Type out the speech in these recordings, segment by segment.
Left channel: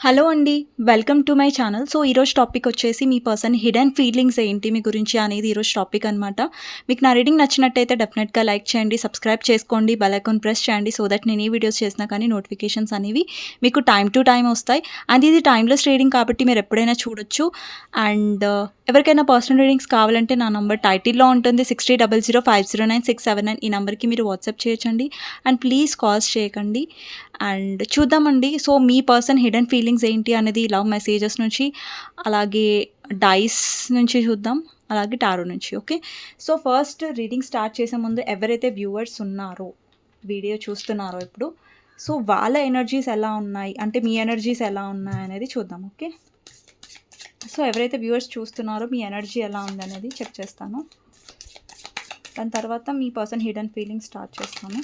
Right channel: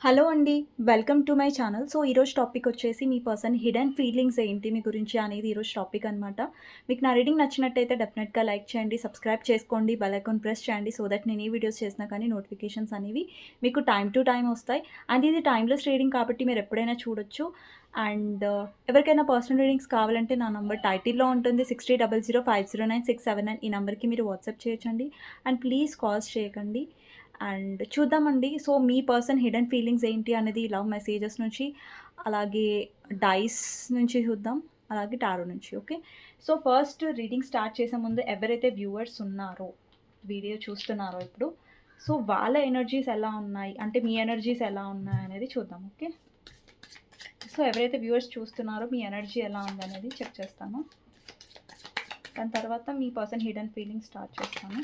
Hello అండి welcome to my channel. So ఈరోజు topic వచ్చేసి మీ పర్సన్ హిడెన్ ఫీలింగ్స్ ఏంటి మీ గురించి అనేది ఈరోజు టాపిక్ అనమాట మీకు నా రీడింగ్ నచ్చినట్టయితే డెఫినెట్గా లైక్ చేయండి సబ్స్క్రైబ్ చేసుకోండి బెల్ ఐకాన్ ప్రెస్ చేయండి సో దట్ నేను ఏ వీడియోస్ చేసినా కానీ నోటిఫికేషన్స్ అనేవి మీకు టైం టు టైం వస్తాయి. అండ్ ఇది టైమ్లెస్ రీడింగ్ కాబట్టి మీరు ఎప్పుడైనా చూడొచ్చు. అండ్ uh, ఎవరికైనా పర్సనల్ రీడింగ్స్ కావాలంటే నా నంబర్ టైటిల్లో ఉంటుంది sixty double zero five zero nine six seven nine. ఈ నెంబర్కి మీరు వాట్సాప్ చేయొచ్చండి. అండ్ ప్లీజ్ కాల్స్ చేయకండి. అండ్ చూద్దామండి. సో మీ పర్సన్ హిడెన్ ఫీలింగ్స్ ఏంటి అనేది లవ్ మెసేజెస్ నుంచి అలాగే డైస్ నుంచి చూద్దాం అలాగే టారో నుంచి okay? So first reading start చేసే ముందు ఎవరైతే వ్యూవర్స్ ఉన్నారో వీడియో చూస్తున్నారో ఇప్పుడు సో వాళ్ళ ఎనర్జీస్ ఎలా ఉన్నాయి అంటే మీ ఎనర్జీస్ ఎలా ఉన్నాయి అనేది చూద్దాం ఓకే? సో ఎవరైతే వ్యూవర్స్ చూస్తున్నారో మీ ఎనర్జీ ఎలా ఉంది అనేది చెక్ చేస్తాను. దాని తర్వాత మీ పర్సన్ హిడెన్ ఫీలింగ్స్ స్టార్ట్ చేస్తాను.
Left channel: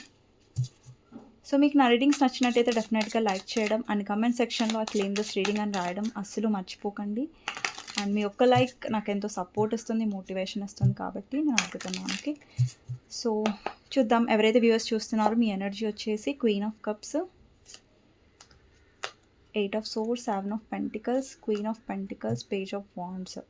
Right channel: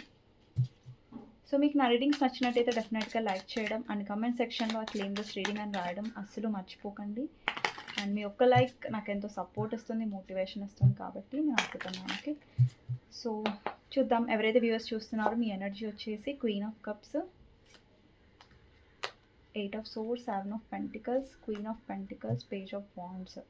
సో మీకు నా రీడింగ్స్ నచ్చినట్టయితే డెఫినెట్గా లైక్ చేయడం అండ్ కమెంట్ సెక్షన్లో ఆ క్లీన్ దిస్ రీడింగ్ అని రాయడం అస్సలు మర్చిపోకండి. అండ్ మీ ఒక్క లైక్ నాకు ఎంతో సపోర్ట్ ఇస్తుంది మోటివేషన్ ఇస్తుంది కాబట్టి నేను అడుగుతున్నాను సో చూద్దాం ఎవరైతే వ్యూవర్స్ చూస్తున్నారో మీ ఎనర్జీ వచ్చేసి queen of cups eight of swords seven of pentacles queen of pentacles page of wands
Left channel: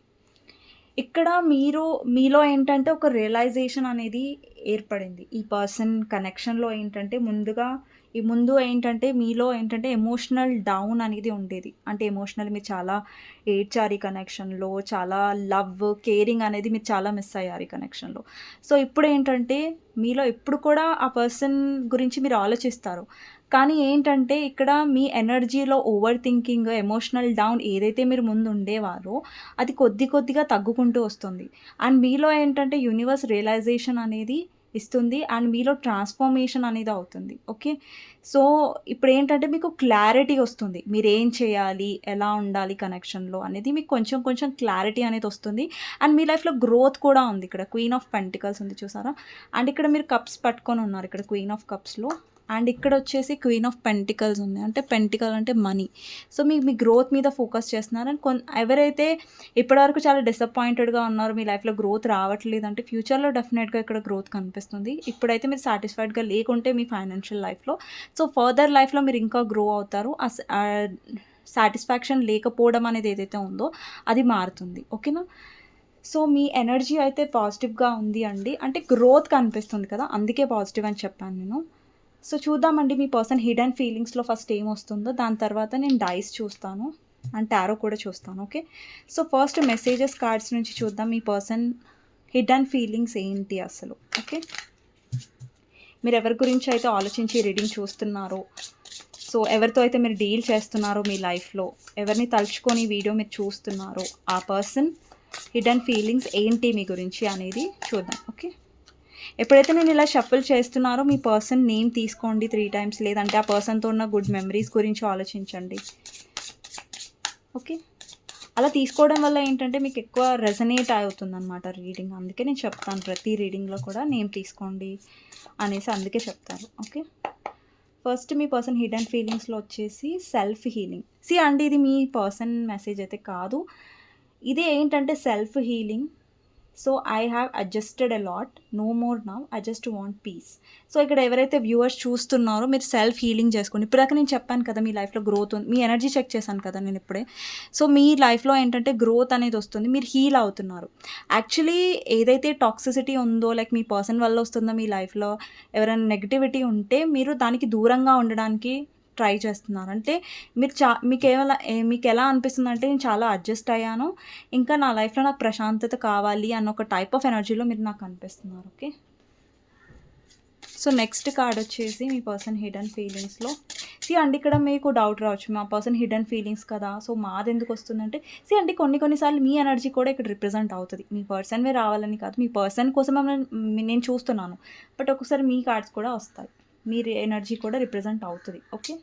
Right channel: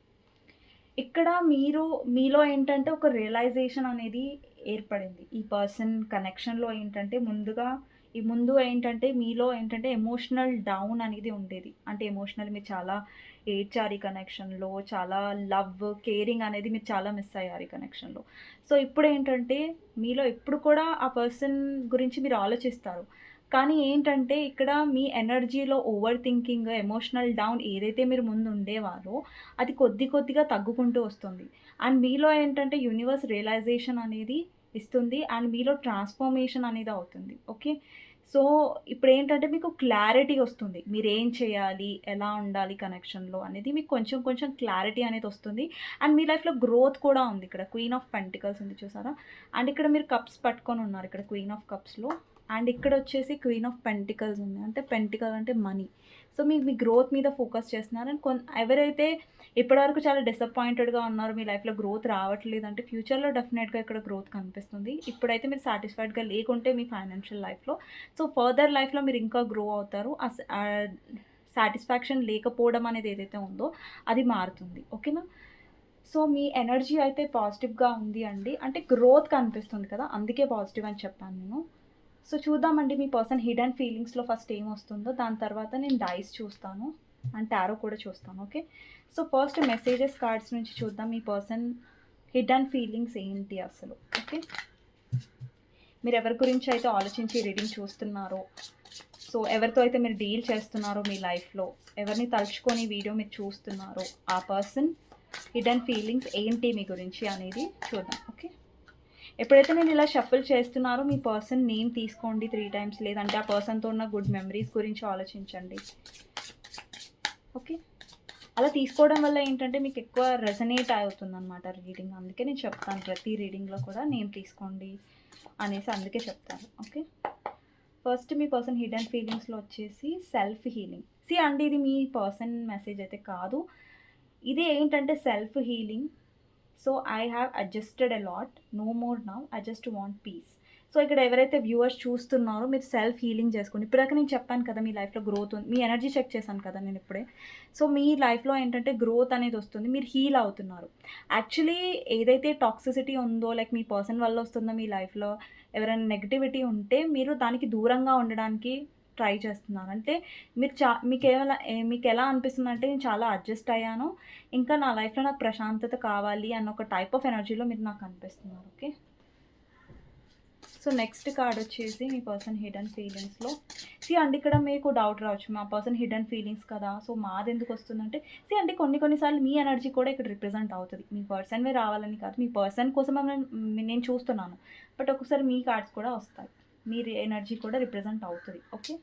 ఇక్కడ మీరు మీలో ఏంటంటే ఒక రియలైజేషన్ అనేది ఏర్పడింది. ఈ పర్సన్ కనెక్షన్లో ఏంటంటే ముందుగా ఈ ముందు ఏంటంటే మీలో ఏంటంటే ఎమోషనల్ డౌన్ అనేది ఉండేది. అంటే ఎమోషనల్ మీరు చాలా ఏడ్చారు ఈ కనెక్షన్లో చాలా లవ్ కేరింగ్ అనేది మీరు చాలా మిస్ అయ్యారు ఈ కనెక్షన్లో సో ఇప్పుడు ఏంటంటే మీలో ఎప్పుడు కూడా ఆ పర్సన్ గురించి మీరు ఆలోచిస్తారు. కానీ ఏంటంటే ఇక్కడ మీ ఎనర్జీలో ఓవర్ థింకింగ్ ఎమోషనల్ డౌన్ ఏదైతే మీరు ముందు ఉండేవారో అది కొద్ది కొద్దిగా తగ్గుకుంటూ వస్తుంది. అండ్ మీలో ఏంటంటే యూనివర్స్ రియలైజేషన్ అనేది ఇస్తుంది అండ్ మీలో ట్రాన్స్ఫర్మేషన్ అనేది అవుతుంది. ఓకే? సో ఇప్పుడు ఏంటంటే మీకు క్లారిటీ వస్తుంది. మీరు ఏం చేయాలి? ఎలా ఉండాలి కనెక్షన్లో అనేది మీకు కొంచెం కొంచెం క్లారిటీ అనేది వస్తుంది. అండ్ మీ లైఫ్లో గ్రోత్ కూడా ఉంది. ఇక్కడ క్వీన్ ఆఫ్ పెంటికల్స్ ఉంది చూసారా? అండ్ ఇక్కడ మీరు కప్స్ పట్టుకొని ఉన్నారు. ఇక్కడ క్వీన్ ఆఫ్ కప్స్లో. అండ్ ఇక్కడ వచ్చేసి క్వీన్ ఆఫ్ పెంటికల్స్ ఉంది. అంటే పెంటికల్ అంటే మనీ. సో మీ మీ గ్రోత్ మీద ఫోకస్ చేస్తున్నారు. అండ్ కొన్ ఎవరైతే ఇప్పటివరకు చాలా డిసప్పాయింటెడ్గా ఉన్నారో మీ లైఫ్లో గ్రోత్ రావట్లేదు అంటే ఫ్యూచర్లో డెఫినెట్గా ఇక్కడ గ్రోత్ కనిపిస్తుంది. ఇప్పుడైతే మీరు సాటిస్ఫైడ్గా లేకుంటే మీ ఫైనాన్షియల్ లైఫ్లో. సో ఫర్దర్ లైఫ్లో మీరు ఇంకా గ్రో అవుతారు. సాటిస్ఫాక్షన్ లేకపోవడం అనేది ఏదైతే ఉందో అది మారుతుంది. ఓకేనా సో మీ ఎనర్జీ అయితే పాజిటివ్గా ఉంది అండి. అంటే గ్రోత్ కనిపిస్తుంది కదా అందుకే పాజిటివ్ అని చెప్పాను నేను. సో చూద్దామండి మీ పర్సన్ హిడెన్ ఫీలింగ్స్లో ఫస్ట్ ఏం వస్తుందో. దాని తర్వాత నేను డైస్ చూస్తాను అండ్ టారో కూడా చూస్తాను okay? So first messages cards నుంచి చూద్దాం మీ పర్సన్ హిడెన్ ఫీలింగ్స్ ఏంటి అసలు ఓకే? మీరు ఎవరి గురించి అయితే ఆలోచించి రీడింగ్ చూస్తున్నారో సో ఎవరితో అయితే మీరు డీల్ చేస్తున్నారో మీ లైఫ్లో ఎవరిని తలుచుకొని వీడియో మీరు చూస్తున్నారో ఆ పర్సన్ హిడెన్ ఫీలింగ్స్ ఏంటి మీ గురించి అనేది చూద్దాం ఓకే? ఎప్పుడైతే నేను ఇలా షఫుల్ చేస్తున్నారో మీ పర్సన్ నేమ్ తీసుకోండి త్రీ టైమ్స్ లేదంటే ఆ పర్సన్తో ఉన్న గుడ్ మెమరీస్ గురించి ఆలోచించండి. ఓకే అలా తీసుకోవడం వల్ల ఏంటంటే మీకు ఎక్కువ రెజనేట్ అవుతుంది అనమాట రీడింగ్ అందుకే నేను చెప్తాను ప్రతి రీడింగ్లో కూడా నేమ్ తీసుకోండి అనేసి అందుకే చెప్తాను. ఓకే ఫస్ట్ మీ పర్సన్ హిడెన్ ఫీలింగ్స్లో వచ్చేసి సెల్ఫ్ హీలింగ్ సి అండి ఇది మీ పర్సన్ మెసేజ్ అయితే కాదు. ఇది ఏంటంటే self healing so I have adjusted a lot. No more now. I just want peace. So ఇక్కడ ఎవరైతే వ్యూవర్స్ చూస్తున్నారో మీరు సెల్ఫ్ హీలింగ్ చేసుకోండి. ఇప్పటిదాకా నేను చెప్పాను కదా మీ లైఫ్లో గ్రోత్ ఉంది. మీ ఎనర్జీ చెక్ చేశాను కదా నేను ఇప్పుడే. సో మీ లైఫ్లో ఏంటంటే గ్రోత్ అనేది వస్తుంది. మీరు హీల్ అవుతున్నారు. యాక్చువల్లీ ఏదైతే టాక్సిసిటీ ఉందో లైక్ మీ పర్సన్ వల్ల వస్తుందో మీ లైఫ్లో? ఎవరైనా నెగిటివిటీ ఉంటే మీరు దానికి దూరంగా ఉండడానికి ట్రై చేస్తున్నారు అంటే మీరు చా మీకు ఏమైనా మీకు ఎలా అనిపిస్తుంది అంటే నేను చాలా అడ్జస్ట్ అయ్యాను. ఇంకా నా లైఫ్లో నాకు ప్రశాంతత కావాలి అన్న ఒక టైప్ ఆఫ్ ఎనర్జీలో మీరు నాకు అనిపిస్తున్నారు. ఓకే? సో నెక్స్ట్ కార్డ్ వచ్చేసి మీ పర్సన్ హిడెన్ ఫీలింగ్స్లో సి అండి ఇక్కడ మీకు డౌట్ రావచ్చు. మా పర్సన్ హిడెన్ ఫీలింగ్స్ కదా. సో మాది ఎందుకు వస్తుందంటే సి అంటే కొన్ని కొన్నిసార్లు మీ ఎనర్జీ కూడా ఇక్కడ రిప్రజెంట్ అవుతుంది. మీ పర్సన్వే రావాలని కాదు. మీ పర్సన్ కోసం నేను చూస్తున్నాను. బట్ ఒకసారి మీ కార్డ్స్ కూడా వస్తాయి. మీ ఎనర్జీ కూడా రిప్రజెంట్ అవుతుంది ఓకే?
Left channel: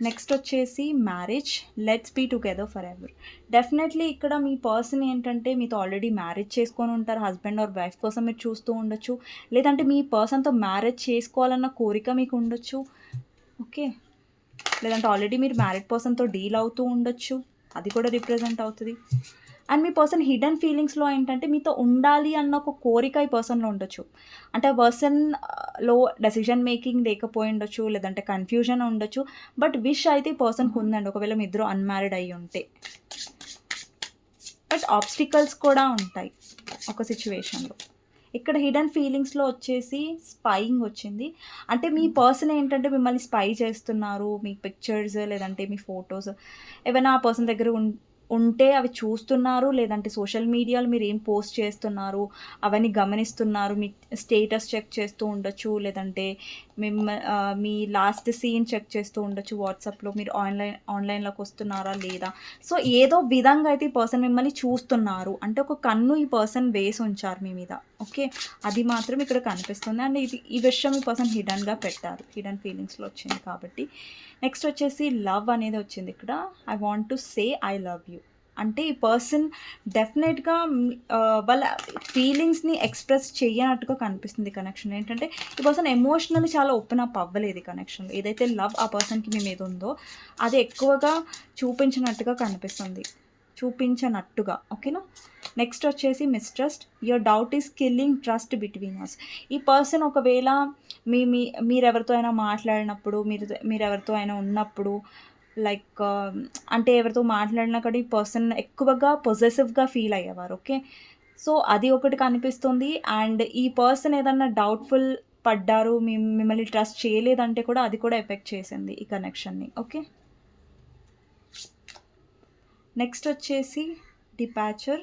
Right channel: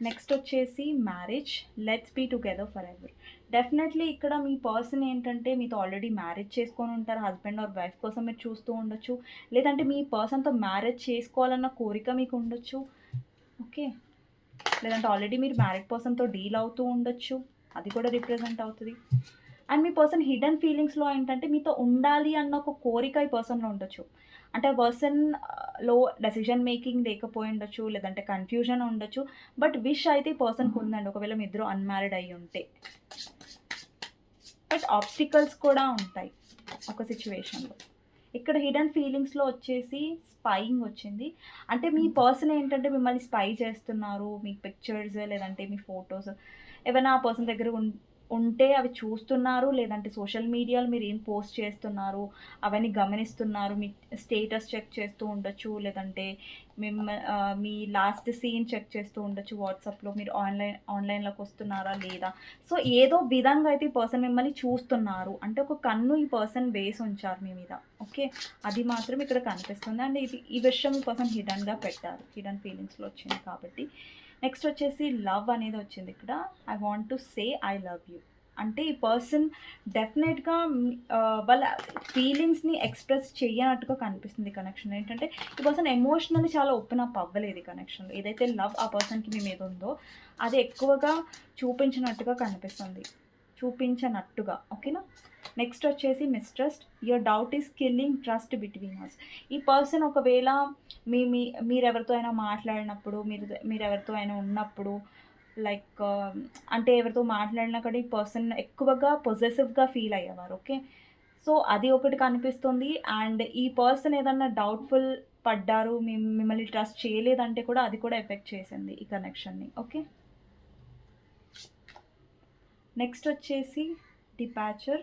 నెక్స్ట్ వచ్చేసి marriage. Let's be together for ever definitely ఇక్కడ మీ పర్సన్ ఏంటంటే మీతో ఆల్రెడీ మ్యారేజ్ చేసుకొని ఉంటారు హస్బెండ్ ఆర్ వైఫ్ కోసం మీరు చూస్తూ ఉండొచ్చు. లేదంటే మీ పర్సన్తో మ్యారేజ్ చేసుకోవాలన్న కోరిక మీకు ఉండొచ్చు ఓకే? లేదంటే ఆల్రెడీ మీరు మ్యారీడ్ పర్సన్తో డీల్ అవుతూ ఉండొచ్చు. అది కూడా రిప్రజెంట్ అవుతుంది. అండ్ మీ పర్సన్ హిడెన్ ఫీలింగ్స్‌లో ఏంటంటే మీతో ఉండాలి అన్న ఒక కోరిక ఈ పర్సన్‌లో ఉండొచ్చు. అంటే ఆ పర్సన్‌లో డెసిషన్ మేకింగ్ లేకపోయి ఉండొచ్చు. లేదంటే కన్‌ఫ్యూజన్ ఉండొచ్చు. బట్ విష్ అయితే ఈ పర్సన్‌కి ఉందండి. ఒకవేళ మీ ఇద్దరు అన్‌మ్యారీడ్ అయ్యి ఉంటే. బట్ ఆబ్స్టికల్స్ కూడా ఉంటాయి. ఒక సిట్యుయేషన్‌లో. ఇక్కడ హిడెన్ ఫీలింగ్స్‌లో వచ్చేసి స్పైయింగ్ వచ్చింది. అంటే మీ పర్సన్ ఏంటంటే మిమ్మల్ని స్పై చేస్తున్నారు. మీ పిక్చర్స్ లేదంటే మీ ఫోటోస్ ఏవైనా ఆ పర్సన్ దగ్గర ఉంటే అవి చూస్తున్నారు. లేదంటే సోషల్ మీడియాలో మీరు ఏం పోస్ట్ చేస్తున్నారు. అవన్నీ గమనిస్తున్నారు. మీ స్టేటస్ చెక్ చేస్తూ ఉండొచ్చు. లేదంటే మిమ్మ మీ లాస్ట్ సీన్ చెక్ చేస్తూ ఉండొచ్చు. వాట్సాప్‌లో మీరు ఆన్‌లైన్ ఆన్‌లైన్‌లోకి వస్తున్నారా లేదా? సో ఏదో విధంగా అయితే ఈ పర్సన్ మిమ్మల్ని చూస్తున్నారు. అంటే ఒక కన్ను ఈ పర్సన్ వేసి ఉంచారు మీ మీద. ఓకే. అది మాత్రం ఇక్కడ కనిపిస్తుంది. అండ్ ఇది ఈ విషయం ఈ పర్సన్ హిడన్గా పెట్టారు. హిడన్ ఫీలింగ్స్‌లో వచ్చింది కాబట్టి. నెక్స్ట్ వచ్చేసి లవ్ అనేది వచ్చింది ఇక్కడ. I want to say I love you. అంటే ఈ పర్సన్ డెఫినెట్‌గా వాళ్ళ ఫీలింగ్స్‌ని ఎక్స్‌ప్రెస్ చేయనట్టుగా కనిపిస్తుంది కనెక్షన్ ఏంటంటే ఈ పర్సన్ ఎమోషనల్లీ చాలా ఓపెన్ అప్ అవ్వలేదు కనెక్షన్ కనెక్షన్‌లో. ఏదైతే లవ్ ఆ పర్సన్‌కి మీ మీద ఉందో అది ఎక్కువగా చూపించినట్టుగా కనిపిస్తుంది. చూపించనట్టుగా. ఓకేనా? నెక్స్ట్ వచ్చేసి mistrust. Your doubt is killing trust between us. ఈ పర్సన్ ఒకవేళ మీ మీ మీరెవరితో అయినా మాట్లాడినప్పుడు మీరు మీరెవరితో అయినా ఉన్నప్పుడు లైక్ um, అంటే ఎవరితో మాట్లాడినా కూడా ఈ పర్సన్ ఎక్కువగా పొసెసివ్‌గా ఫీల్ అయ్యేవారు. ఓకే. సో అది ఒకటి కనిపిస్తుంది. అండ్ ఈ పర్సన్ ఏదన్నా డౌట్‌ఫుల్ పడ్డారు. మిమ్మల్ని ట్రస్ట్ చేయలేదంటే కూడా అది కూడా ఎఫెక్ట్ చేసింది ఈ కనెక్షన్‌ని. ఓకే. నెక్స్ట్ వచ్చేసి departure.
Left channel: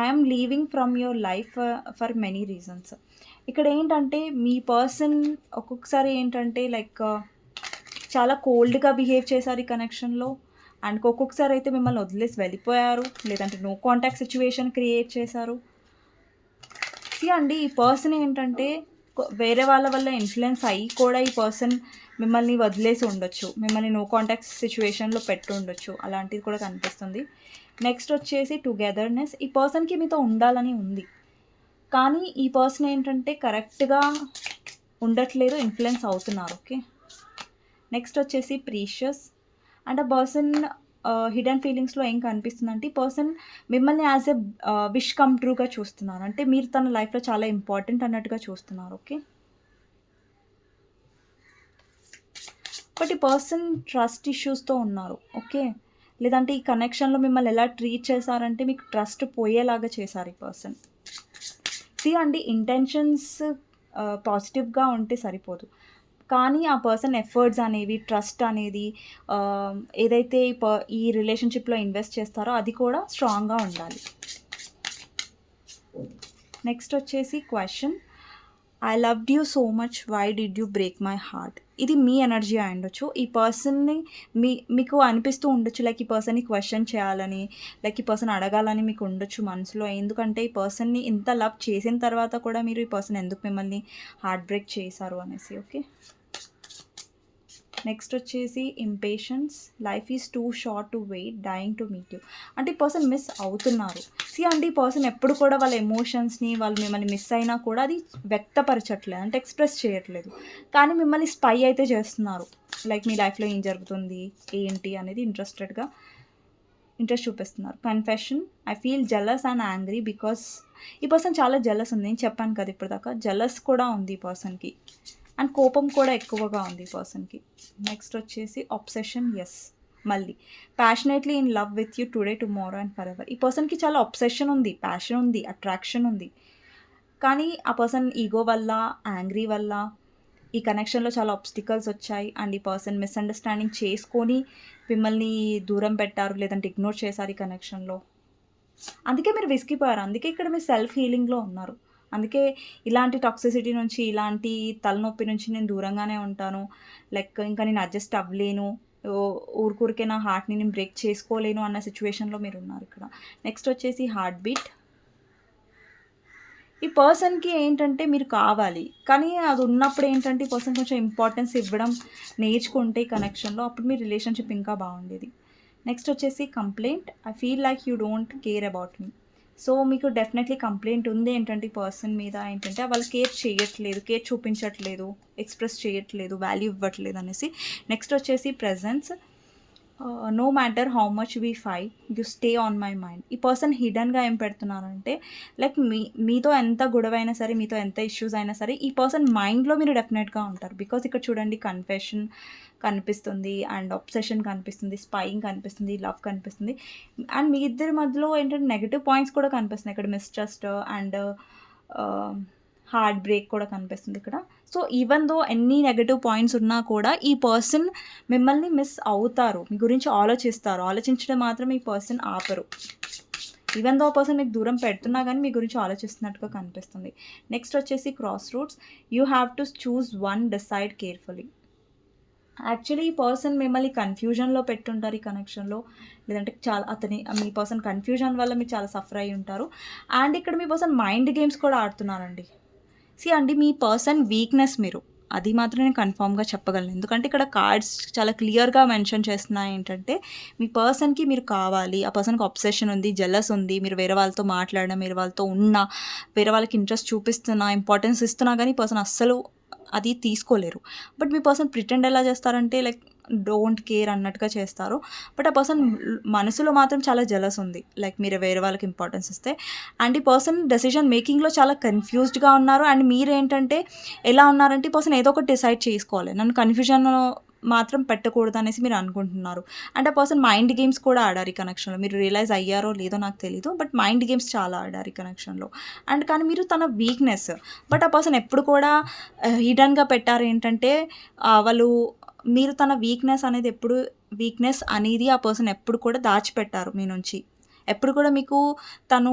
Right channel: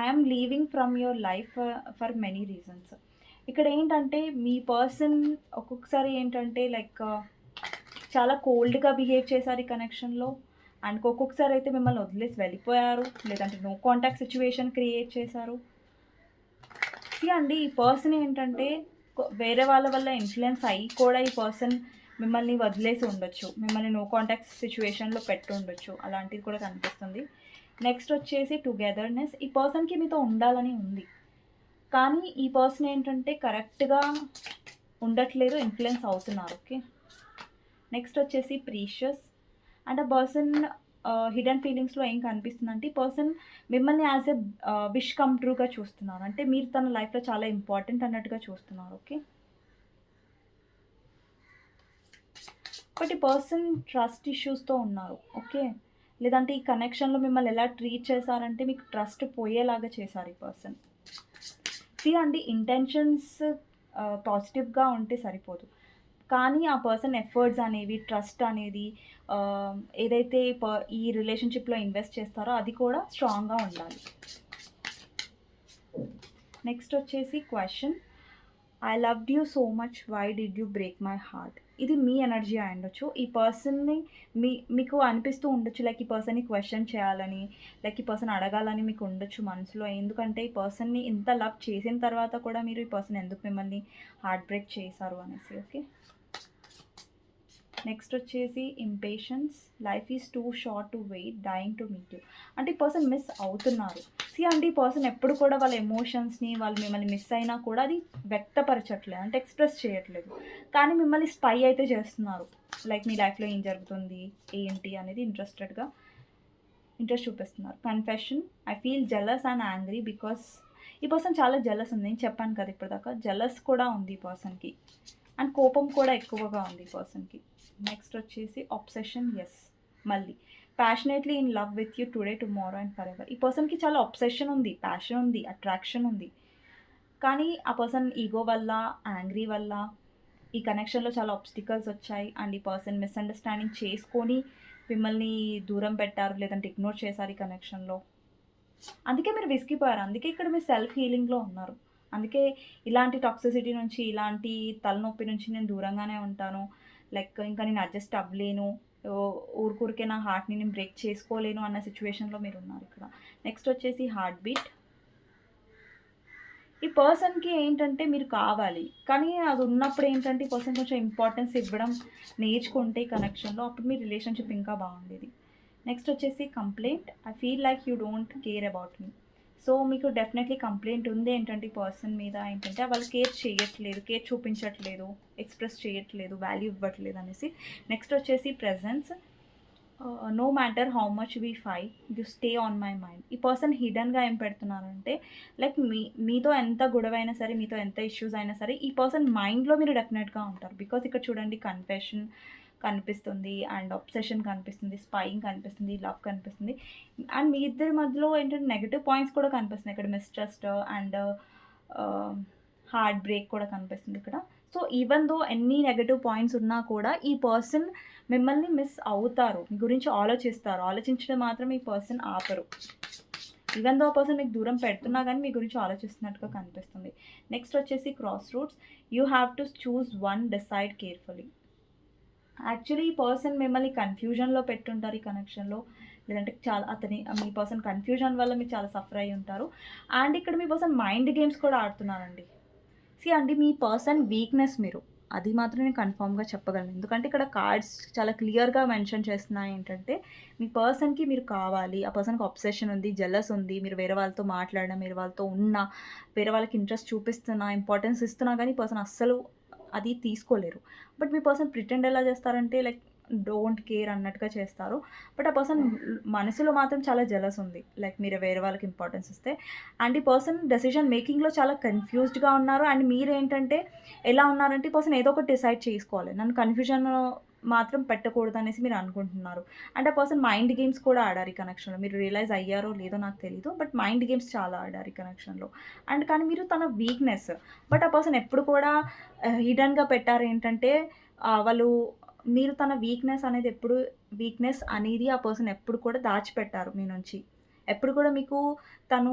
I leaving from your life for many reasons. ఇక్కడ ఏంటంటే మీ పర్సన్ ఒక్కొక్కసారి ఏంటంటే లైక్ uh, చాలా కోల్డ్‌గా బిహేవ్ చేశారు ఈ కనెక్షన్‌లో. అండ్ ఒక్కొక్కసారి అయితే మిమ్మల్ని వదిలేసి వెళ్ళిపోయారు. లేదంటే నో కాంటాక్ట్ సిచ్యువేషన్ క్రియేట్ చేశారు. సీ అండి ఈ పర్సన్ ఏంటంటే వేరే వాళ్ళ వల్ల ఇన్ఫ్లుయెన్స్ అయ్యి కూడా ఈ పర్సన్ మిమ్మల్ని వదిలేసి ఉండొచ్చు. మిమ్మల్ని నో కాంటాక్ట్ సిచ్యువేషన్లో పెట్టు ఉండొచ్చు. అలాంటిది కూడా కనిపిస్తుంది. నెక్స్ట్ వచ్చేసి టుగెదర్‌నెస్. ఈ పర్సన్‌కి మీతో ఉండాలని ఉంది. కానీ ఈ పర్సన్ ఏంటంటే కరెక్ట్‌గా ఉండట్లేదు. ఇన్ఫ్లుయెన్స్ అవుతున్నారు. ఓకే. నెక్స్ట్ వచ్చేసి ప్రీషియస్. అండ్ ఆ పర్సన్ హిడెన్ ఫీలింగ్స్‌లో ఏం కనిపిస్తుందంటే ఈ పర్సన్ మిమ్మల్ని యాజ్ ఎ విష్ కమ్ ట్రూగా చూస్తున్నారు. అంటే మీరు తన లైఫ్‌లో చాలా ఇంపార్టెంట్ అన్నట్టుగా చూస్తున్నారు. ఓకే. బట్ ఈ పర్సన్ ట్రస్ట్ ఇష్యూస్‌తో ఉన్నారు. ఓకే. లేదంటే ఈ కనెక్షన్‌లో మిమ్మల్ని ఎలా ట్రీట్ చేశారంటే మీకు ట్రస్ట్ పోయేలాగా చేశారు ఈ పర్సన్. సీ అండి ఇంటెన్షన్స్ పాజిటివ్‌గా ఉంటే సరిపోదు. కానీ ఆ పర్సన్ ఎఫర్ట్స్ అనేవి, ట్రస్ట్ అనేది ఏదైతే ఈ ప ఈ రిలేషన్‌షిప్‌లో ఇన్వెస్ట్ చేస్తారో అది కూడా స్ట్రాంగ్‌గా ఉండాలి. నెక్స్ట్ వచ్చేసి question I loved you so much. Why did you break my heart. ఇది మీ ఎనర్జీ అయ్యుండొచ్చు. ఈ పర్సన్‌ని మీ మీకు అనిపిస్తూ ఉండొచ్చు లైక్ ఈ పర్సన్‌ని క్వశ్చన్ చేయాలని, లైక్ ఈ పర్సన్ అడగాలని మీకు ఉండొచ్చు మనసులో. ఎందుకంటే ఈ పర్సన్‌ని ఇంత లవ్ చేసిన తర్వాత కూడా మీరు ఈ పర్సన్ ఎందుకు మిమ్మల్ని హార్ట్ బ్రేక్ చేశారు అనేసి. ఓకే. నెక్స్ట్ వచ్చేసి impatience life is too short to wait dying to meet you. అంటే ఈ పర్సన్ మిస్ అవుతున్నారు. సీ అండి ఈ పర్సన్ ఎప్పుడు కూడా వాళ్ళ ఎమోషన్స్‌ని వాళ్ళు మిమ్మల్ని మిస్ అయినా కూడా అది వ్యక్తపరచట్లేదు. అంటే ఎక్స్‌ప్రెస్ చేయట్లేదు. కానీ మిమ్మల్ని స్పై అయితే చేస్తున్నారు. లైక్ మీ లైఫ్‌లో ఏం జరుగుతుంది? ఏంటి? అనేది ఇంట్రెస్టెడ్‌గా ఇంట్రెస్ట్ చూపిస్తున్నారు. Confession. I feel jealous and angry because ఈ పర్సన్ చాలా జెలస్ ఉంది. నేను చెప్పాను కదా ఇప్పటిదాకా. జెలస్ కూడా ఉంది ఈ పర్సన్‌కి. అండ్ కోపం కూడా ఎక్కువగా ఉంది పర్సన్‌కి. నెక్స్ట్ వచ్చేసి అబ్సెషన్. ఎస్ మళ్ళీ passionately in love with you today, tomorrow and for ever ఈ పర్సన్‌కి చాలా అబ్సెషన్ ఉంది. ప్యాషన్ ఉంది. అట్రాక్షన్ ఉంది. కానీ ఆ పర్సన్ ఈగో వల్ల, యాంగ్రీ వల్ల ఈ కనెక్షన్‌లో చాలా ఆబ్స్టికల్స్ వచ్చాయి. అండ్ ఈ పర్సన్ మిస్‌అండర్‌స్టాండింగ్ చేసుకొని మిమ్మల్ని దూరం పెట్టారు. లేదంటే ఇగ్నోర్ చేశారు ఈ కనెక్షన్‌లో. అందుకే మీరు విసిగిపోయారు. అందుకే ఇక్కడ మీరు సెల్ఫ్ హీలింగ్‌లో ఉన్నారు. అందుకే ఇలాంటి టాక్సిసిటీ నుంచి, ఇలాంటి తలనొప్పి నుంచి నేను దూరంగానే ఉంటాను. లైక్ ఇంకా నేను అడ్జస్ట్ అవ్వలేను. ఓ ఊరికూరికే నా హార్ట్‌ని నేను బ్రేక్ చేసుకోలేను అన్న సిచ్యువేషన్లో మీరు ఉన్నారు ఇక్కడ. నెక్స్ట్ వచ్చేసి హార్ట్ బీట్. ఈ పర్సన్‌కి ఏంటంటే మీరు కావాలి. కానీ అది ఉన్నప్పుడు ఏంటంటే ఈ పర్సన్ కొంచెం ఇంపార్టెన్స్ ఇవ్వడం నేర్చుకుంటే కనెక్షన్‌లో అప్పుడు మీ రిలేషన్‌షిప్ ఇంకా బాగుండేది. నెక్స్ట్ వచ్చేసి complaint I feel like you don't care about me. So మీకు డెఫినెట్‌లీ కంప్లైంట్ ఉంది ఏంటంటే పర్సన్ మీద ఏంటంటే వాళ్ళు కేర్ చేయట్లేదు. కేర్ చూపించట్లేదు. ఎక్స్‌ప్రెస్ చేయట్లేదు. వాల్యూ ఇవ్వట్లేదు అనేసి. నెక్స్ట్ వచ్చేసి presence no matter how much we fight you stay on my mind. ఈ పర్సన్ హిడెన్‌గా ఏం పెడుతున్నారంటే లైక్ మీ మీతో ఎంత గొడవైనా సరే, మీతో ఎంత ఇష్యూస్ అయినా సరే, ఈ పర్సన్ మైండ్‌లో మీరు డెఫినెట్‌గా ఉంటారు. బికాస్ ఇక్కడ చూడండి కన్ఫెషన్ కనిపిస్తుంది అండ్ అబ్సెషన్ కనిపిస్తుంది, స్పైయింగ్ కనిపిస్తుంది, లవ్ కనిపిస్తుంది. అండ్ మీ ఇద్దరి మధ్యలో ఏంటంటే నెగిటివ్ పాయింట్స్ కూడా కనిపిస్తున్నాయి. ఇక్కడ మిస్‌ట్రస్ట్ అండ్ హార్ట్ బ్రేక్ కూడా కనిపిస్తుంది ఇక్కడ. సో, ఈవెన్ దో ఎన్ని నెగటివ్ పాయింట్స్ ఉన్నా కూడా ఈ పర్సన్ మిమ్మల్ని మిస్ అవుతారు. మీ గురించి ఆలోచిస్తారు. ఆలోచించడం మాత్రం ఈ పర్సన్ ఆపరు. ఈవెన్ దో ఆ పర్సన్ మీకు దూరం పెడుతున్నా కానీ మీ గురించి ఆలోచిస్తున్నట్టుగా కనిపిస్తుంది. నెక్స్ట్ వచ్చేసి crossroads. You have to choose one decide carefully. Actually ఈ పర్సన్ మిమ్మల్ని కన్‌ఫ్యూజన్‌లో పెట్టుంటారు ఈ కనెక్షన్‌లో. లేదంటే చాలా అతని మీ పర్సన్ కన్‌ఫ్యూజన్ వల్ల మీరు చాలా సఫర్ అయ్యి ఉంటారు. అండ్ ఇక్కడ మీ పర్సన్ మైండ్ గేమ్స్ కూడా ఆడుతున్నారండి. సీ అండి మీ పర్సన్ వీక్‌నెస్ మీరు. అది మాత్రం నేను కన్ఫామ్గా చెప్పగలను. ఎందుకంటే ఇక్కడ కార్డ్స్ చాలా క్లియర్‌గా మెన్షన్ చేస్తున్నాయి ఏంటంటే మీ పర్సన్‌కి మీరు కావాలి. ఆ పర్సన్‌కి అబ్సెషన్ ఉంది, జెలస్ ఉంది. మీరు వేరే వాళ్ళతో మాట్లాడడం, వేరే వాళ్ళతో ఉన్నా, వేరే వాళ్ళకి ఇంట్రెస్ట్ చూపిస్తున్నా, ఇంపార్టెన్స్ ఇస్తున్నా కానీ పర్సన్ అస్సలు అది తీసుకోలేరు. బట్ మీ పర్సన్ ప్రిటెండ్ ఎలా చేస్తారంటే లైక్ డోంట్ కేర్ అన్నట్టుగా చేస్తారు. బట్ ఆ పర్సన్ మనసులో మాత్రం చాలా జెలస్ ఉంది. లైక్ మీరు వేరే వాళ్ళకి ఇంపార్టెన్స్ ఇస్తే. అండ్ ఈ పర్సన్ డెసిషన్ మేకింగ్‌లో చాలా కన్‌ఫ్యూజ్డ్‌గా ఉన్నారు. అండ్ మీరేంటంటే ఎలా ఉన్నారంటే ఈ పర్సన్ ఏదో ఒకటి డిసైడ్ చేసుకోవాలి. నన్ను కన్ఫ్యూజన్ మాత్రం పెట్టకూడదు అనేసి మీరు అనుకుంటున్నారు. అండ్ ఆ పర్సన్ మైండ్ గేమ్స్ కూడా ఆడారు ఈ కనెక్షన్‌లో. మీరు రియలైజ్ అయ్యారో లేదో నాకు తెలీదు. బట్ మైండ్ గేమ్స్ చాలా ఆడారు ఈ కనెక్షన్‌లో. అండ్ కానీ మీరు తన వీక్‌నెస్. బట్ ఆ పర్సన్ ఎప్పుడు కూడా హిడన్గా పెట్టారు ఏంటంటే వాళ్ళు మీరు తన వీక్‌నెస్ అనేది ఎప్పుడు వీక్‌నెస్ అనేది ఆ పర్సన్ ఎప్పుడు కూడా దాచిపెట్టారు మీ నుంచి. ఎప్పుడు కూడా మీకు తను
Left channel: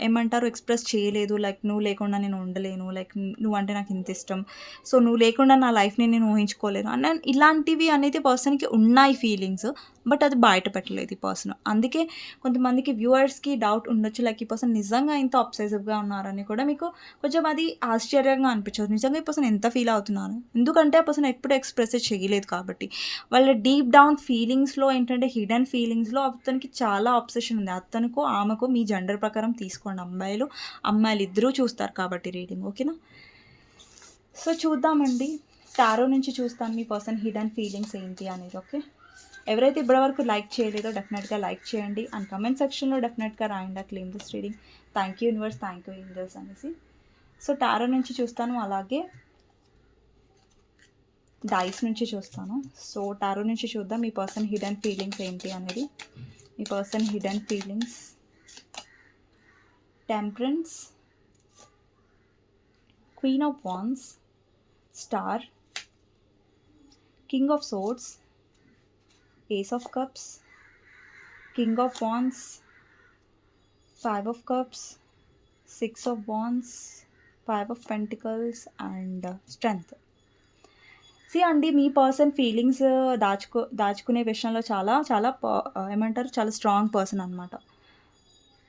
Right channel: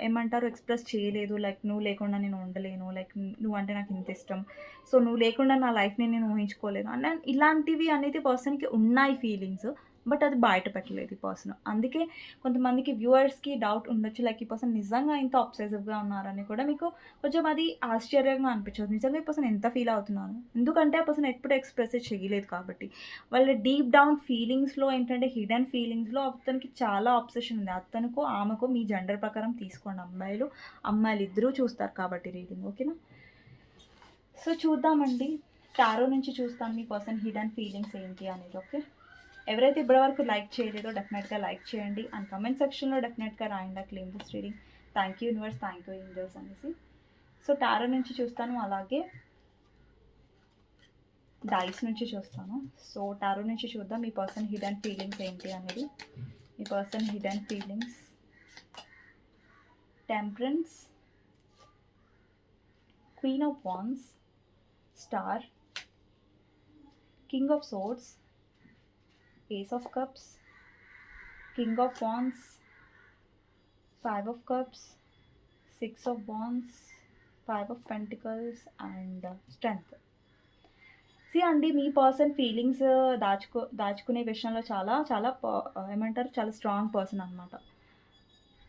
ఏమంటారు ఎక్స్‌ప్రెస్ చేయలేదు. లైక్ నువ్వు లేకుండా నేను ఉండలేను. లైక్ నువ్వంటే నాకు ఇంత ఇష్టం. సో, నువ్వు లేకుండా నా లైఫ్‌ని నేను ఊహించుకోలేను. అన్న ఇలాంటివి అనేది పర్సన్‌కి ఉన్నాయి ఫీలింగ్స్. బట్ అది బయట పెట్టలేదు ఈ పర్సన్. అందుకే కొంతమందికి వ్యూవర్స్‌కి డౌట్ ఉండొచ్చు. లైక్ ఈ పర్సన్ నిజంగా ఇంత అబ్సెసివ్‌గా ఉన్నారని కూడా మీకు కొంచెం అది ఆశ్చర్యంగా అనిపించదు. నిజంగా ఈ పర్సన్ ఎంత ఫీల్ అవుతున్నారు? ఎందుకంటే ఆ పర్సన్ ఎప్పుడు ఎక్స్‌ప్రెస్ చేయలేదు కాబట్టి. వాళ్ళ డీప్ డౌన్ ఫీలింగ్స్‌లో ఏంటంటే హిడెన్ ఫీలింగ్స్‌లో అతనికి చాలా అబ్సెషన్ ఉంది. అతనికో, ఆమెకు మీ జెండర్ ప్రకారం తీసుకోండి అమ్మాయిలు, అమ్మాయిలు ఇద్దరూ చూస్తారు కాబట్టి రీడింగ్. ఓకేనా? సో, చూద్దామండి. టారో నుంచి చూస్తాను మీ పర్సన్ హిడెన్ ఫీలింగ్స్ ఏంటి అనేది. ఓకే. ఎవరైతే ఇప్పటివరకు లైక్ చేయలేదో డెఫినెట్‌గా లైక్ చేయండి. అండ్ కమెంట్ సెక్షన్‌లో డెఫినెట్‌గా రాయండి. ఆ claim this reading. Thank you universe, thank you angels అనేసి. సో, టారో నుంచి చూస్తాను. అలాగే డైస్ నుంచి చూస్తాను. సో, టారో నుంచి చూద్దాం మీ పర్సన్ హిడెన్ ఫీలింగ్స్ ఏంటి అనేది. మీ person hidden feelings. Temperance. Queen of wands star. King of swords ace of cups. King of బాన్స్ five of cups. Six of బాన్స్ five of pentacles and strength. See అండి మీ person feelings దాచుకో దాచుకునే విషయంలో చాలా చాలా ప ఏమంటారు చాలా స్ట్రాంగ్ పర్సన్ అనమాట.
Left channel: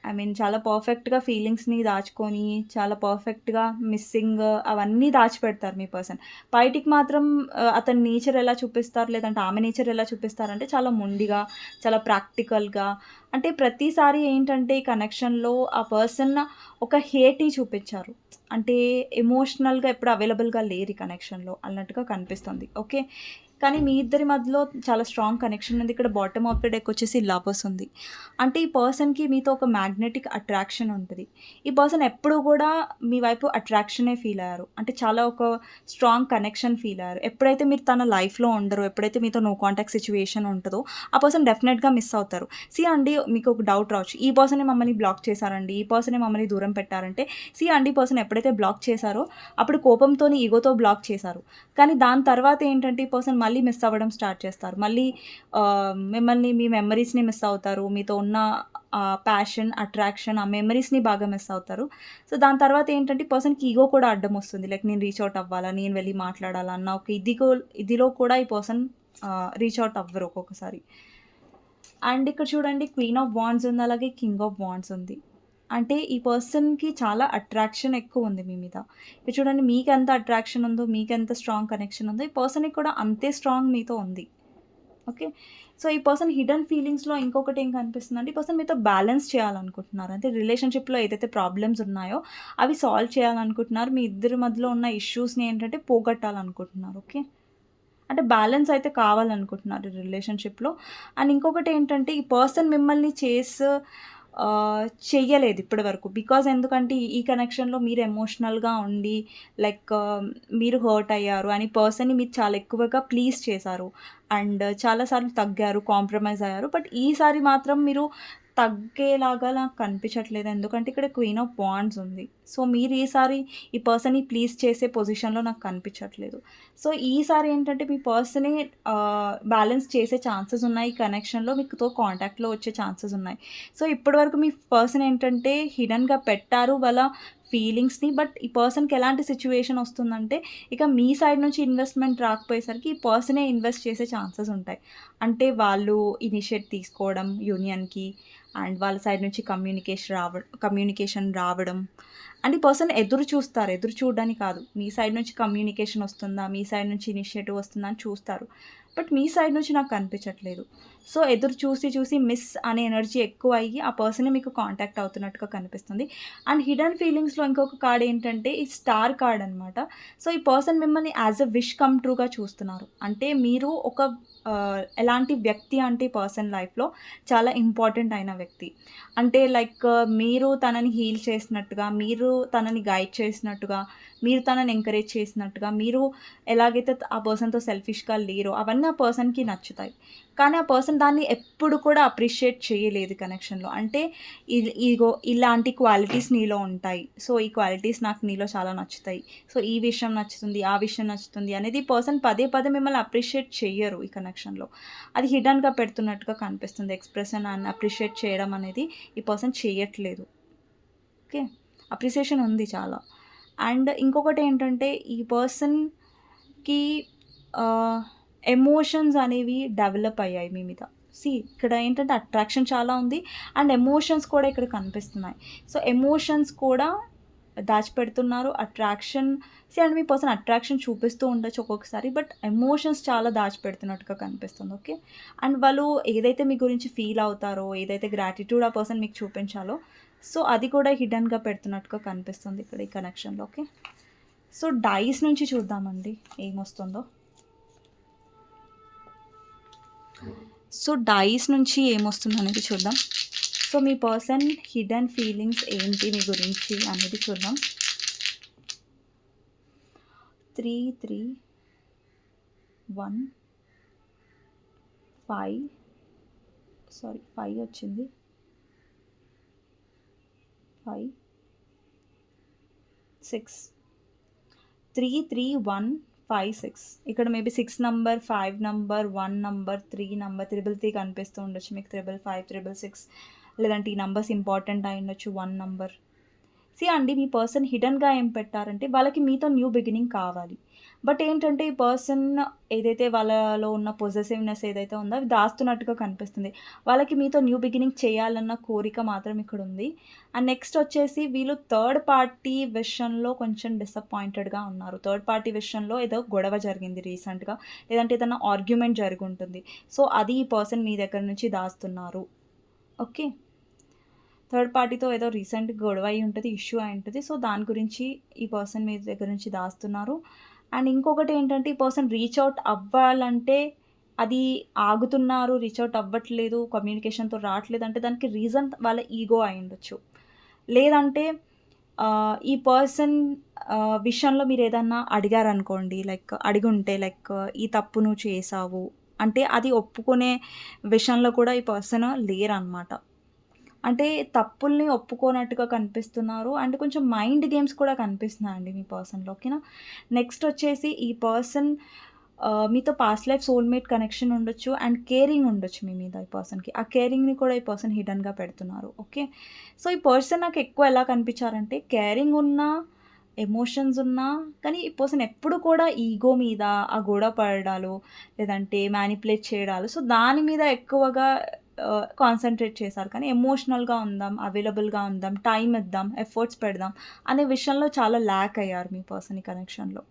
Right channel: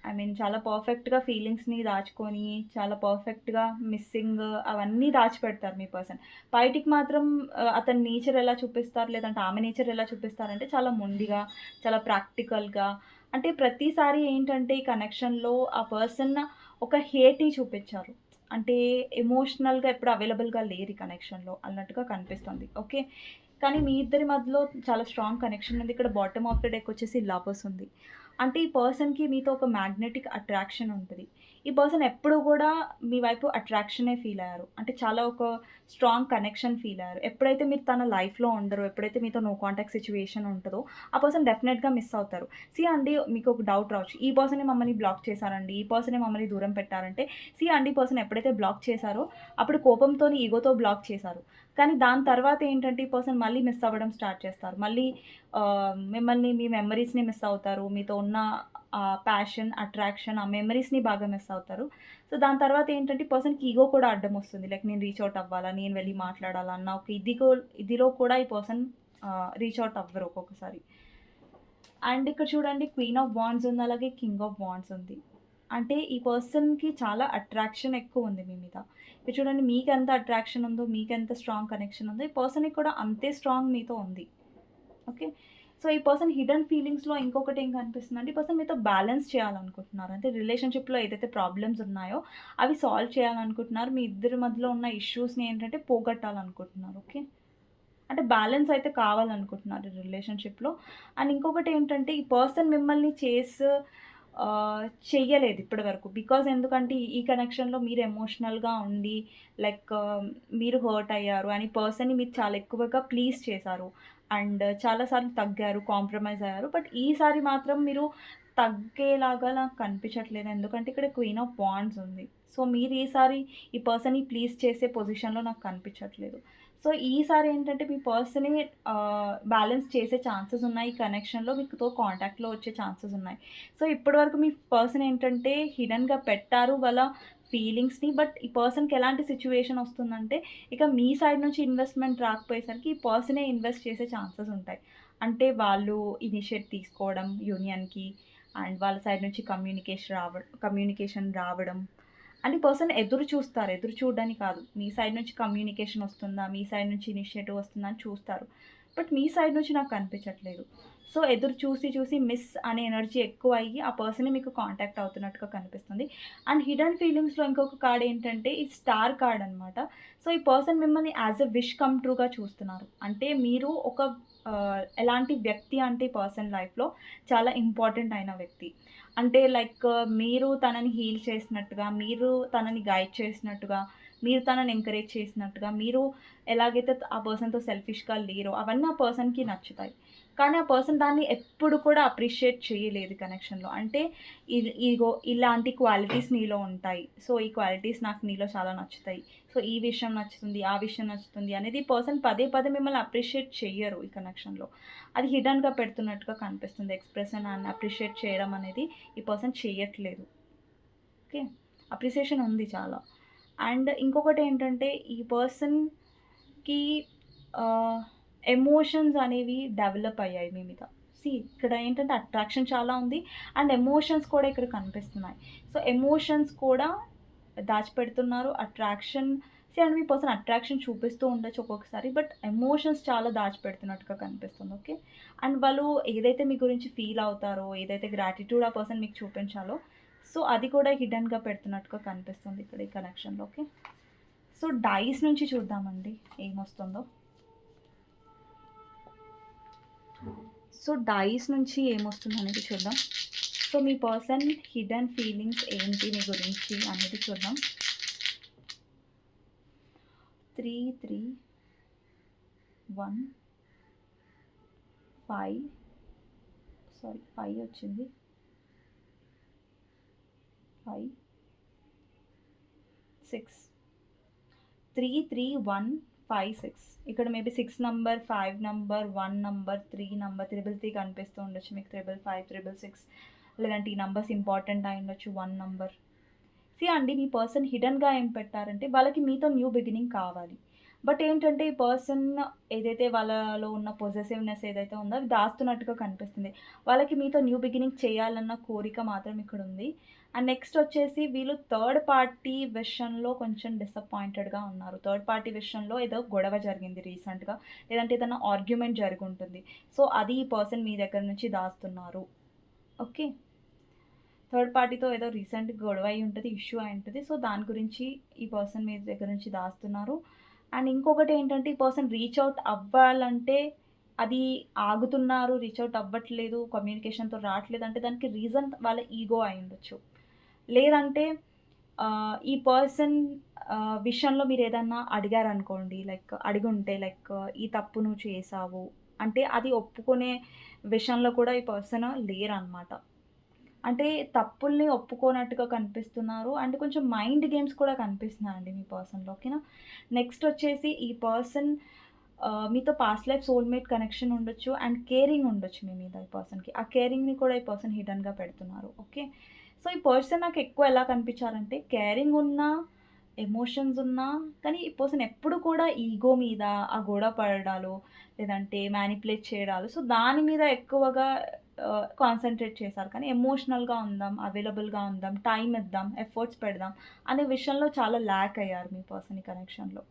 ఐ మీన్ చాలా పర్ఫెక్ట్‌గా ఫీలింగ్స్‌ని దాచుకొని, చాలా పర్ఫెక్ట్‌గా మిస్సింగ్ అవన్నీ దాచిపెడతారు మీ పర్సన్. బయటికి మాత్రం అతని నేచర్ ఎలా చూపిస్తారు లేదంటే ఆమె నేచర్ ఎలా చూపిస్తారంటే చాలా మొండిగా, చాలా ప్రాక్టికల్‌గా అంటే ప్రతిసారి ఏంటంటే ఈ కనెక్షన్‌లో ఆ పర్సన్ ఒక హేటీ చూపించారు. అంటే ఎమోషనల్‌గా ఎప్పుడు అవైలబుల్‌గా లేరు ఈ కనెక్షన్‌లో అన్నట్టుగా కనిపిస్తుంది. ఓకే. కానీ మీ ఇద్దరి మధ్యలో చాలా స్ట్రాంగ్ కనెక్షన్ ఉంది. ఇక్కడ బాటమ్ ఆఫ్ ద డెక్ వచ్చేసి లవర్స్ ఉంది. అంటే ఈ పర్సన్‌కి మీతో ఒక మ్యాగ్నెటిక్ అట్రాక్షన్ ఉంటుంది ఈ పర్సన్ ఎప్పుడూ కూడా మీ వైపు అట్రాక్షనే ఫీల్ అయ్యారు. అంటే చాలా ఒక స్ట్రాంగ్ కనెక్షన్ ఫీల్ అయ్యారు. ఎప్పుడైతే మీరు తన లైఫ్‌లో ఉండరు ఎప్పుడైతే మీతో నో కాంటాక్ట్ సిచ్యువేషన్ ఉంటదో ఆ పర్సన్ డెఫినెట్‌గా మిస్ అవుతారు. సి అండి మీకు ఒక డౌట్ రావచ్చు. ఈ పర్సనే మమ్మల్ని బ్లాక్ చేశారండి. ఈ పర్సనే మమ్మల్ని దూరం పెట్టారంటే సి అండి పర్సన్ ఎప్పుడైతే బ్లాక్ చేశారో అప్పుడు కోపంతోని, ఈగోతో బ్లాక్ చేశారు. కానీ దాని తర్వాత ఏంటంటే ఈ పర్సన్ మళ్ళీ మిస్ అవ్వడం స్టార్ట్ చేస్తారు. మళ్ళీ మిమ్మల్ని మీ మెమరీస్‌ని మిస్ అవుతారు. మీతో ఉన్న ప్యాషన్, అట్రాక్షన్ ఆ మెమరీస్‌ని బాగా మిస్ అవుతారు. సో, దాని తర్వాత ఏంటంటే పర్సన్‌కి ఈగో కూడా అడ్డం వస్తుంది. లైక్ నేను రీచ్ అవుట్ అవ్వాలా, నేను వెళ్ళి మాట్లాడాలా అన్న ఒక ఇదిగో ఇదిలో కూడా ఈ పర్సన్ రీచ్ అవుట్ అవ్వరు ఒక్కొక్కసారి. అండ్ ఇక్కడ చూడండి క్వీన్ ఆఫ్ బాండ్స్ ఉంది. అలాగే కింగ్ ఆఫ్ బాండ్స్ ఉంది. అంటే ఈ పర్సన్‌కి చాలా అట్రాక్షన్ ఎక్కువ ఉంది మీ మీద. ఇప్పుడు చూడండి మీకు ఎంత అట్రాక్షన్ ఉందో, మీకు ఎంత స్ట్రాంగ్ కనెక్షన్ ఉందో ఈ పర్సన్‌కి కూడా అంతే స్ట్రాంగ్ మీతో ఉంది. ఓకే. సో, ఈ పర్సన్ హిడెన్ ఫీలింగ్స్‌లో ఇంకొకటి ఏం కనిపిస్తుందంటే ఈ పర్సన్ మీతో బ్యాలెన్స్ చేయాలనుకుంటున్నారు. అంటే రిలేషన్‌షిప్‌లో ఏదైతే ప్రాబ్లమ్స్ ఉన్నాయో అవి సాల్వ్ చేయాలనుకుంటున్నారు. మీ ఇద్దరి మధ్యలో ఉన్న ఇష్యూస్‌ని ఏంటంటే పోగొట్టాలనుకుంటున్నారు. ఓకే. అంటే బ్యాలెన్స్ అయితే కావాలనుకుంటున్నారు రిలేషన్‌షిప్‌లో. అండ్ ఇంకొకటి ఏంటంటే ఈ పర్సన్ మిమ్మల్ని చేస్ చెయ్యలేదు ఇప్పటి వరకు. బికాజ్ ఎందుకంటే ఈ కనెక్షన్‌లో మీరు ఎమోషనల్‌గా ఉండి లైక్ మీరు హర్ట్ అయ్యారు అని పర్సన్‌ని మీరు చాలా ఎక్కువగా ప్లీజ్ చేశారు. అండ్ చాలాసార్లు తగ్గారు, కాంప్రమైజ్ అయ్యారు. బట్ ఈసారి మాత్రం మీరు తగ్గేలాగా నాకు కనిపించట్లేదు. ఎందుకంటే ఇక్కడ క్వీన్ ఆఫ్ బాండ్స్ ఉంది. సో మీరు ఈసారి ఈ పర్సన్‌ని ప్లీజ్ చేసే పొజిషన్‌లో నాకు కనిపించట్లేదు. సో ఈసారి ఏంటంటే మీ పర్సనే బ్యాలెన్స్ చేసే ఛాన్సెస్ ఉన్నాయి. ఈ కనెక్షన్‌లో మీతో కాంటాక్ట్‌లో వచ్చే ఛాన్సెస్ ఉన్నాయి. సో ఇప్పటివరకు మీ పర్సన్ ఏంటంటే హిడన్గా పెట్టారు వాళ్ళ ఫీలింగ్స్‌ని. బట్ ఈ పర్సన్‌కి ఎలాంటి సిచ్యువేషన్ వస్తుందంటే ఇక మీ సైడ్ నుంచి ఇన్వెస్ట్‌మెంట్ రాకపోయేసరికి ఈ పర్సనే ఇన్వెస్ట్ చేసే ఛాన్సెస్ ఉంటాయి. అంటే వాళ్ళు ఇనిషియేట్ తీసుకోవడం యూనియన్‌కి అండ్ వాళ్ళ సైడ్ నుంచి కమ్యూనికేషన్ రావ కమ్యూనికేషన్ రావడం. అండ్ పర్సన్ ఎదురు చూస్తారు. ఎదురు చూడడానికి కాదు. మీ సైడ్ నుంచి కమ్యూనికేషన్ వస్తుందా? మీ సైడ్ నుంచి ఇనిషియేటివ్ వస్తుందా? అని చూస్తారు. బట్ మీ సైడ్ నుంచి నాకు కనిపించట్లేదు. సో ఎదురు చూసి చూసి మిస్ అనే ఎనర్జీ ఎక్కువ అయ్యి ఆ పర్సనే మీకు కాంటాక్ట్ అవుతున్నట్టుగా కనిపిస్తుంది. అండ్ హిడెన్ ఫీలింగ్స్‌లో ఇంకొక కార్డ్ ఏంటంటే ఈ స్టార్ కార్డ్ అనమాట. సో ఈ పర్సన్ మిమ్మల్ని యాస్ ఎ విష్ కమ్ ట్రూగా చూస్తున్నారు. అంటే మీరు ఒక ఎలాంటి వ్యక్తి అంటే పర్సన్ లైఫ్‌లో చాలా ఇంపార్టెంట్ అయిన వ్యక్తి. అంటే లైక్ మీరు తనని హీల్ చేసినట్టుగా, మీరు తనని గైడ్ చేసినట్టుగా, మీరు తనని ఎంకరేజ్ చేసినట్టుగా, మీరు ఎలాగైతే ఆ పర్సన్‌తో సెల్ఫిష్‌గా లేరో అవన్నీ ఆ పర్సన్‌కి నచ్చుతాయి. కానీ ఆ పర్సన్ దాన్ని ఎప్పుడు కూడా అప్రిషియేట్ చేయలేదు కనెక్షన్‌లో. అంటే ఇది ఇగో ఇలాంటి క్వాలిటీస్ నీలో ఉంటాయి. సో ఈ క్వాలిటీస్ నాకు నీలో చాలా నచ్చుతాయి. సో ఈ విషయం నచ్చుతుంది, ఆ విషయం నచ్చుతుంది అనేది పర్సన్ పదే పదే మిమ్మల్ని అప్రిషియేట్ చేయరు ఈ కనెక్షన్‌లో. అది హిడన్గా పెడుతున్నట్టుగా కనిపిస్తుంది. ఎక్స్‌ప్రెషన్ అండ్ అప్రిషియేట్ చేయడం అనేది ఈ పర్సన్ చేయట్లేదు. ఓకే. అప్రిసియేషన్ ఉంది చాలా. అండ్ ఇంకొకటి ఏంటంటే ఈ పర్సన్‌కి ఎమోషన్స్ అనేవి డెవలప్ అయ్యాయి మీ మీద. సీ ఇక్కడ ఏంటంటే అట్రాక్షన్ చాలా ఉంది. అండ్ ఎమోషన్స్ కూడా ఇక్కడ కనిపిస్తున్నాయి. సో ఎమోషన్స్ కూడా దాచిపెడుతున్నారు. అట్రాక్షన్ సీ అండ్ మీ పర్సన్ అట్రాక్షన్ చూపిస్తూ ఉండొచ్చు ఒక్కొక్కసారి. బట్ ఎమోషన్స్ చాలా దాచిపెడుతున్నట్టుగా కనిపిస్తుంది. ఓకే. అండ్ వాళ్ళు ఏదైతే మీ గురించి ఫీల్ అవుతారో, ఏదైతే గ్రాటిట్యూడ్ ఆ పర్సన్ మీకు చూపించాలో సో అది కూడా హిడన్గా పెడుతున్నట్టుగా కనిపిస్తుంది ఇక్కడ ఈ కనెక్షన్‌లో. ఓకే. సో డైస్ నుంచి చూద్దామండి ఏమొస్తుందో. సో డైస్ నుంచి ఏమొస్తుందనేది చూద్దాం. సో మీ పర్సన్ హిడెన్ ఫీలింగ్స్ ఏంటి మీ గురించి అనేది చూద్దాం. 3, 3, 1 5 సారీ ఫైవ్ వచ్చింది. 5 6 3, 3, 1, 5, 6 ఇక్కడ maybe six number, five number, one number, three number, 333 కనిపిస్తూ ఉండొచ్చు మీకు 555, 666 లేదంటే ఈ నంబర్స్ ఇంపార్టెంట్ అయ్యుండొచ్చు 1 నంబర్. సి అండి మీ పర్సన్ హిడన్గా ఏం పెట్టారంటే వాళ్ళకి మీతో న్యూ బిగినింగ్ కావాలి. బట్ ఏంటంటే ఈ పర్సన్ ఏదైతే వాళ్ళలో ఉన్న పొజెసివ్నెస్ ఏదైతే ఉందో అది దాస్తున్నట్టుగా కనిపిస్తుంది. వాళ్ళకి మీతో న్యూ బిగినింగ్ చేయాలన్న కోరిక మాత్రం ఇక్కడ ఉంది అండ్ నెక్స్ట్ వచ్చేసి వీళ్ళు థర్డ్ పార్టీ విషయంలో కొంచెం డిసప్పాయింటెడ్‌గా ఉన్నారు. థర్డ్ పార్టీ విషయంలో ఏదో గొడవ జరిగింది రీసెంట్‌గా. లేదంటే ఏదైనా ఆర్గ్యుమెంట్ జరిగుంటుంది. సో అది ఈ పర్సన్ మీ దగ్గర నుంచి దాస్తున్నారు. ఓకే. థర్డ్ పార్టీతో ఏదో రీసెంట్ గొడవ అయి ఉంటుంది ఇష్యూ అయి ఉంటుంది సో దాని గురించి ఈ పర్సన్ మీ దగ్గర నుంచి దాస్తున్నారు. అండ్ ఇంకొకటి ఏంటంటే ఈ పర్సన్ రీచ్ అవుట్ అవ్వాలంటే అది ఆగుతున్నారు. రీచ్ అవుట్ అవ్వట్లేదు. కమ్యూనికేషన్‌తో రావట్లేదు అంటే దానికి రీజన్ వాళ్ళ ఈగో అయ్యుండొచ్చు. లేదంటే ఈ పర్సన్ విషయంలో మీరు ఏదన్నా అడిగారనుకోండి లైక్ అడిగుంటే లైక్ ఈ తప్పు నువ్వు చేసావు అంటే అది ఒప్పుకునే విషయంలో కూడా ఈ పర్సన్ లేరనమాట. అంటే తప్పుల్ని ఒప్పుకోనట్టుగా కనిపిస్తున్నారు. అండ్ కొంచెం మైండ్ గేమ్స్ కూడా కనిపిస్తున్నాయండి మీ పర్సన్‌లో. ఓకేనా. నెక్స్ట్ వచ్చేసి ఈ పర్సన్ మీతో పాస్ట్ లైఫ్ సోల్‌మేట్ కనెక్షన్ ఉండొచ్చు. అండ్ కేరింగ్ ఉండొచ్చు మీ మీద ఈ పర్సన్‌కి. ఆ కేరింగ్‌ని కూడా ఈ పర్సన్ హిడన్గా పెడుతున్నారు. ఓకే. సో ఈ పర్సన్ నాకు ఎక్కువ ఎలా కనిపించారంటే కేరింగ్ ఉన్నా, ఎమోషన్స్ ఉన్నా కానీ ఈ పర్సన్ ఎప్పుడు కూడా ఈగో మీద ఆ గొడవ పడడాలు, లేదంటే మ్యానిపులేట్ చేయడాలు సో దాని మీద ఎక్కువగా Uh, కాన్సన్ట్రేట్ చేశారు. కానీ ఎమోషనల్‌గా ఉందాం, అవైలబుల్‌గా ఉందాం, టైం ఇద్దాం, ఎఫర్ట్స్ పెడదాం అనే విషయంలో చాలా ల్యాక్ అయ్యారు మీ పర్సన్ ఈ కనెక్షన్‌లో.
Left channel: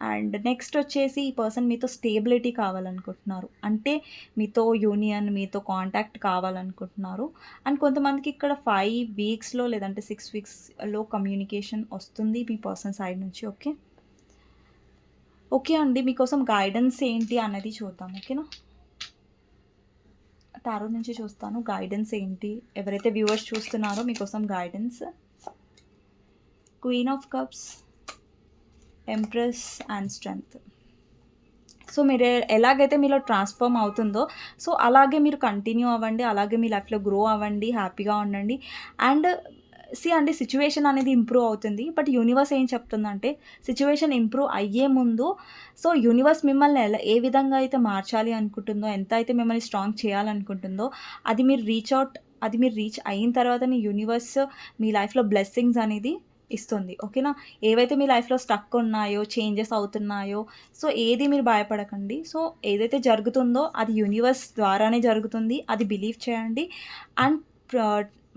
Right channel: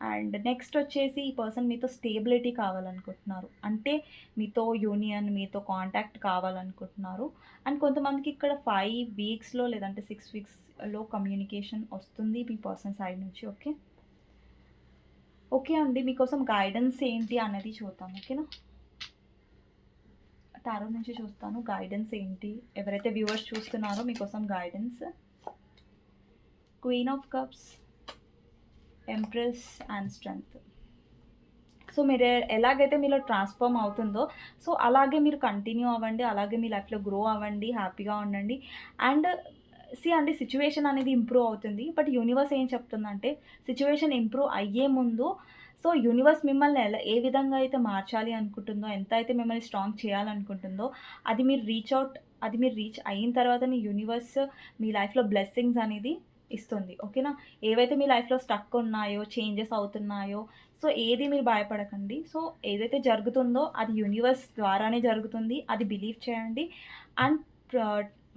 అండ్ నెక్స్ట్ వచ్చేసి ఈ పర్సన్ మీతో స్టేబిలిటీ కావాలనుకుంటున్నారు. అంటే మీతో యూనియన్, మీతో కాంటాక్ట్ కావాలనుకుంటున్నారు. అండ్ కొంతమందికి ఇక్కడ ఫైవ్ వీక్స్‌లో లేదంటే సిక్స్ వీక్స్‌లో కమ్యూనికేషన్ వస్తుంది మీ పర్సన్ సైడ్ నుంచి. ఓకే. ఓకే అండి. మీకోసం గైడెన్స్ ఏంటి అనేది చూద్దాం. ఓకేనా? టారో నుంచి చూస్తాను. గైడెన్స్ ఏంటి? ఎవరైతే వ్యూవర్స్ చూస్తున్నారో మీకోసం guidance. Queen of cups, empress and strength. So, మీరు ఎలాగైతే మీలో ట్రాన్స్‌ఫార్మ్ అవుతుందో, సో, అలాగే మీరు కంటిన్యూ అవ్వండి. అలాగే మీ లైఫ్‌లో గ్రో అవ్వండి. హ్యాపీగా ఉండండి. అండ్ సీ అండి సిచ్యువేషన్ అనేది ఇంప్రూవ్ అవుతుంది. బట్ యూనివర్స్ ఏం చెప్తుందంటే, సిచ్యువేషన్ ఇంప్రూవ్ అయ్యే ముందు సో, యూనివర్స్ మిమ్మల్ని ఎలా ఏ విధంగా అయితే మార్చాలి అనుకుంటుందో, ఎంత అయితే మిమ్మల్ని స్ట్రాంగ్ చేయాలనుకుంటుందో, అది మీరు రీచ్ అవుట్ అది మీరు రీచ్ అయిన తర్వాత యూనివర్స్ మీ లైఫ్‌లో బ్లెస్సింగ్స్ అనేది ఇస్తుంది. ఓకేనా? ఏవైతే మీ లైఫ్‌లో స్టక్ ఉన్నాయో, చేంజెస్ అవుతున్నాయో, సో, ఏది మీరు భయపడకండి. సో, ఏదైతే జరుగుతుందో అది యూనివర్స్ ద్వారానే జరుగుతుంది. అది బిలీవ్ చేయండి. అండ్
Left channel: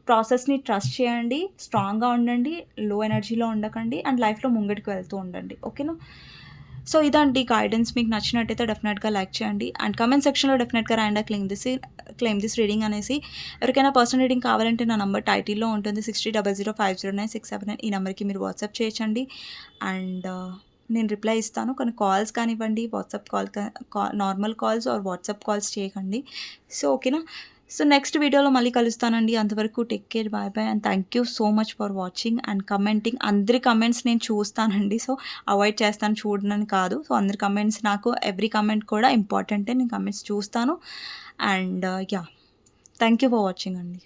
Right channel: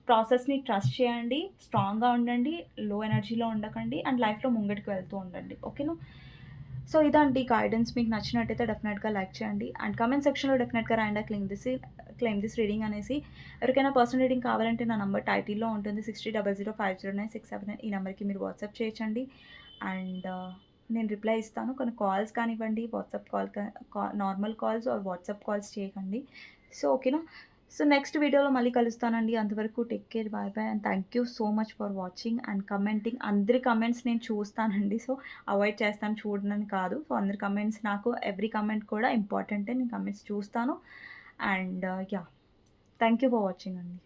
ప్రాసెస్‌ని ట్రస్ట్ చేయండి. స్ట్రాంగ్‌గా ఉండండి. లో ఎనర్జీలో ఉండకండి. అండ్ లైఫ్‌లో ముంగడికి వెళ్తూ ఉండండి. ఓకేనా? సో, ఇదండి గైడెన్స్. మీకు నచ్చినట్టయితే డెఫినెట్‌గా లైక్ చేయండి. అండ్ కమెంట్ సెక్షన్‌లో డెఫినెట్‌గా రాయండి claim this claim this reading అనేసి. ఎవరికైనా పర్సనల్ రీడింగ్ కావాలంటే నా నంబర్ టైటిల్‌లో ఉంటుంది. 6000509679 ఈ నెంబర్కి మీరు వాట్సాప్ చేయొచ్చండి. అండ్ uh, నేను రిప్లై ఇస్తాను. కానీ కాల్స్ కానివ్వండి, వాట్సాప్ కాల్ కా normal calls or WhatsApp calls చేయకండి. సో, ఓకేనా? సో, నెక్స్ట్ వీడియోలో మళ్ళీ కలుస్తానండి. అంతవరకు take care. Bye bye. And thank you so much for watching and commenting. అందరి కమెంట్స్ నేను చూస్తానండి. సో, అవాయిడ్ చేస్తాను చూడనని కాదు. సో, అందరి కమెంట్స్ నాకు ఎవ్రీ కమెంట్ కూడా ఇంపార్టెంటే. నేను కమెంట్స్ చూస్తాను. And yeah thank you for watching అండి.